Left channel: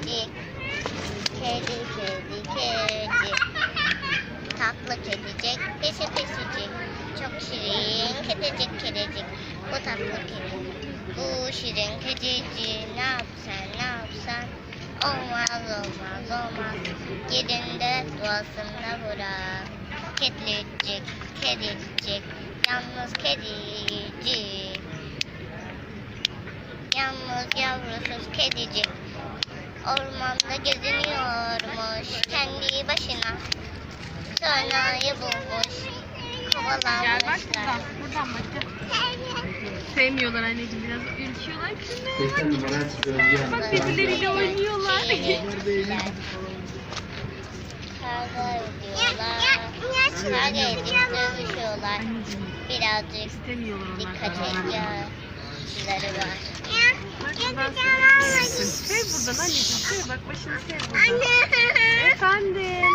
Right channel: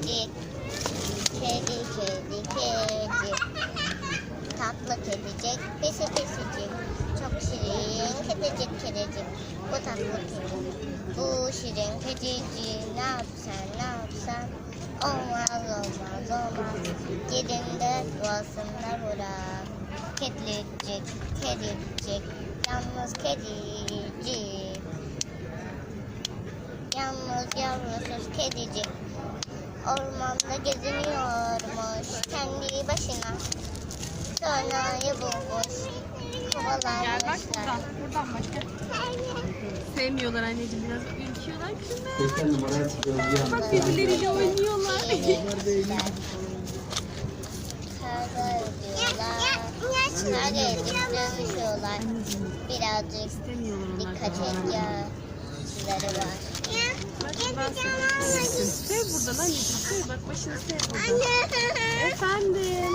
kedi. Kedi kedi kedi. Tatlı kedicik. Pisi pisicik. Çok şirin kedicik kedicik. Bu tatlı kedi. Bu şirin kedicik. Ne yapsan ne yapsan. Olmaz olmaz olmaz. Yerinde doğasında bırak. Kedicik kedicik. Yalnız kedicik. Yalnız yavrusuz kedicik. Ormanda geziniyormuş kendi başına. Sonayı bulmuş. Gel bak Kovalanmışlar. buradan. Başla. Sevmiyorlar anneciğim biraz ürküyorlar. Kızım. 80 numara Özge Bak birbirleriyle oynuyorlar. Kavga ediyorlar. Kavga edip dövüşüyorlar. Birazcık dikkat ihtiyaçları var. Buradan. Efendim.